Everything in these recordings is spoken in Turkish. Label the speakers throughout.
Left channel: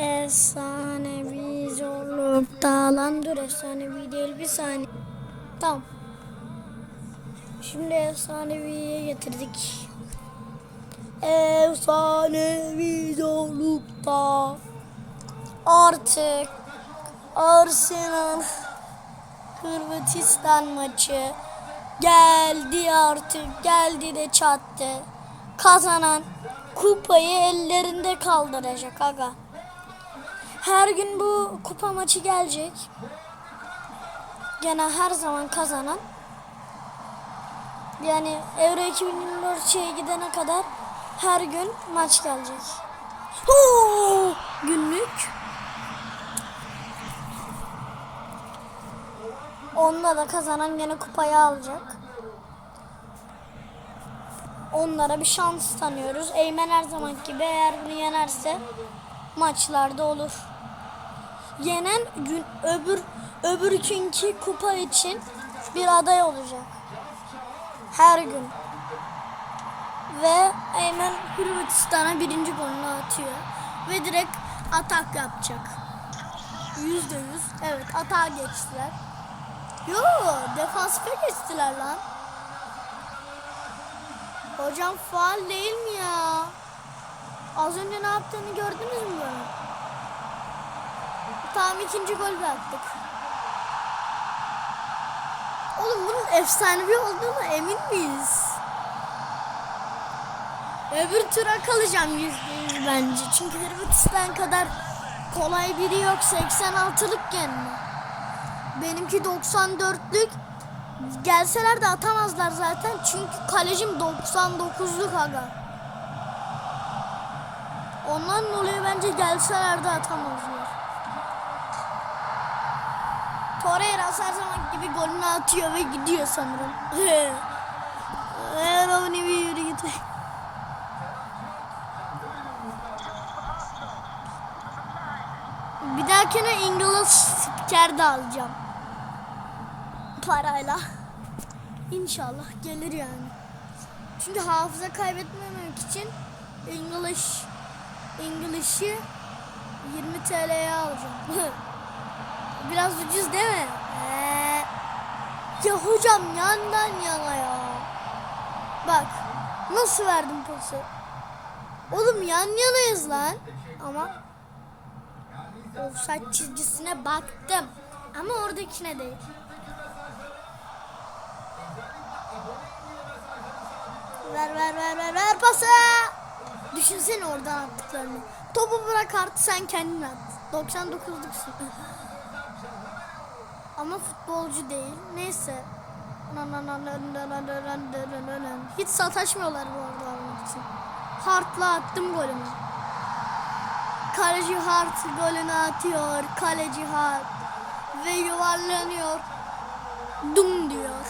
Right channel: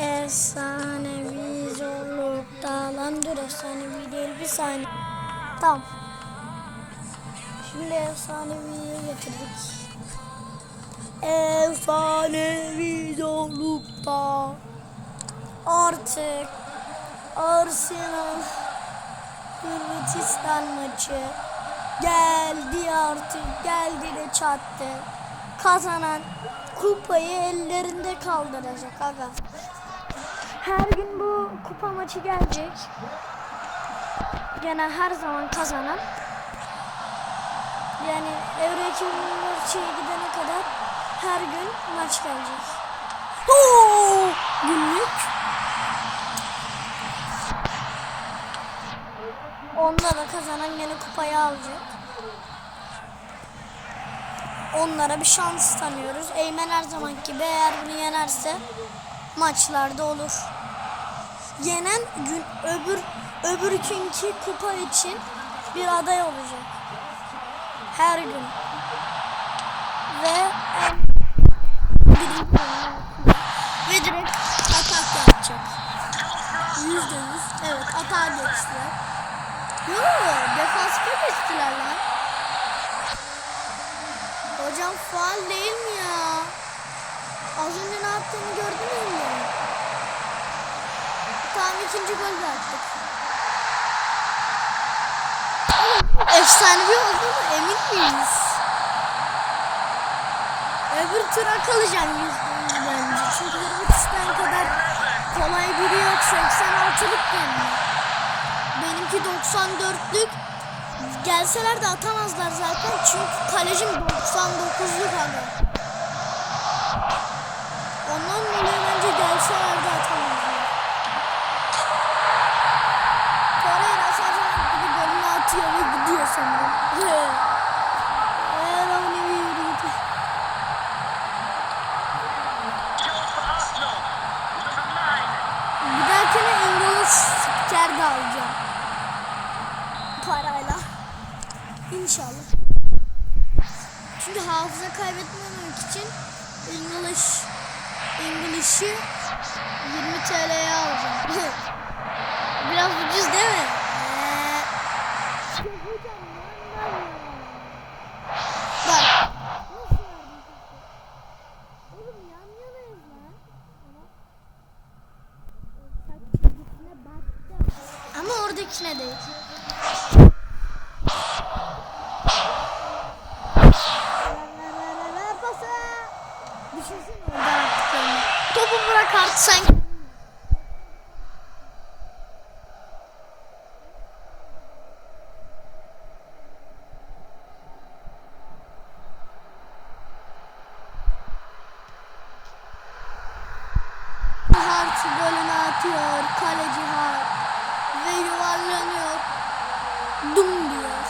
Speaker 1: Efsanevi zorlukta lan dur efsanevi değil bir saniye. Tamam. Şimdi efsaneviye getirdik. Efsanevi zorlukta artık Arsenal Hırvatistan maçı geldi artık geldi de çattı. Kazanan kupayı ellerinde kaldıracak aga. Her gün bu kupa maçı gelecek. Gene her zaman kazanan. Yani Euro 2024 şeye gidene kadar her gün maç gelecek. Oo! Günlük. Onda da kazanan gene kupayı alacak. Onlara bir şans tanıyoruz. Eymen her zaman gibi eğer bunu yenerse maçlarda olur. Yenen gün öbür öbür günkü kupa için bir aday olacak. Her gün. Ve Eymen Hırvatistan'a birinci golünü atıyor. Ve direkt atak yapacak. Yüzde yüz. Evet atağa geçtiler. Yo defansife geçtiler lan. Hocam faal değil? Az önce ne yaptığını gördünüz mü? Tamam ikinci gol de attık. Oğlum bunun efsanevi olduğunu emin miyiz? Öbür tura kalacağım yüzde yüz bence. Çünkü Hırvatistan kadar kolay biri yok. 86'lık gelme. Benimki 94'lük. Gelseler de atamazlar zaten. Çünkü kalecim 99'luk aga. Ondan dolayı bence gelseler de atamazlar. Torreira her zaman gibi golünü atıyor ve gidiyor sanırım. Eğer onu bir yürü git. Bir dahakine İngiliz spiker de alacağım. Parayla. İnşallah gelir yani. Çünkü hafıza kaybetmemek için İngiliz İngiliz'i 20 TL'ye alacağım. Biraz ucuz değil mi? Ee, ya hocam yandan yana ya. Bak nasıl verdim pası. Oğlum yan yanayız lan. Ama offside çizgisine baktım. Ama oradakine değil. Düşünsene orada attıklarını. Topu bırak artık sen kendin at. 99'luksun. Ama futbolcu değil. Neyse. Hiç sataşmıyorlar bu arada almak için. Hart'la attım golümü. Kaleci Hart golünü atıyor. Kaleci Hart. Ve yuvarlanıyor. Dum diyor.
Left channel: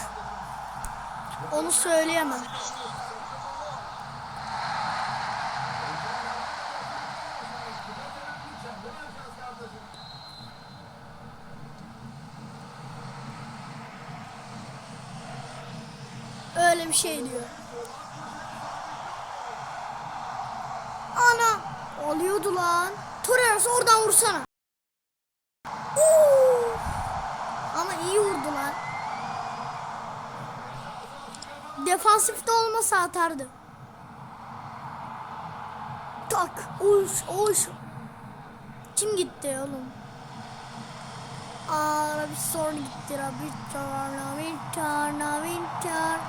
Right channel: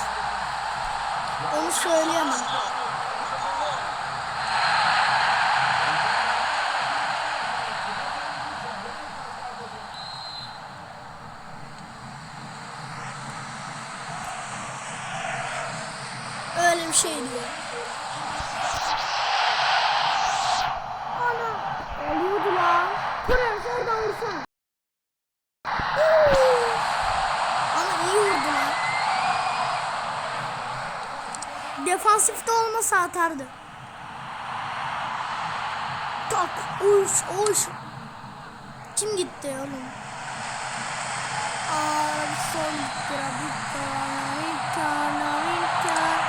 Speaker 1: Onu söyleyemem. Bir şey diyor. Ana! Oluyordu lan. Torres oradan vursana. Oo! Ama iyi vurdu lan. Defansifte olmasa atardı. Tak. Uş, uş. Kim gitti oğlum? Arabistan gitti. Arabistan, Arabistan, Arabistan. Arabistan.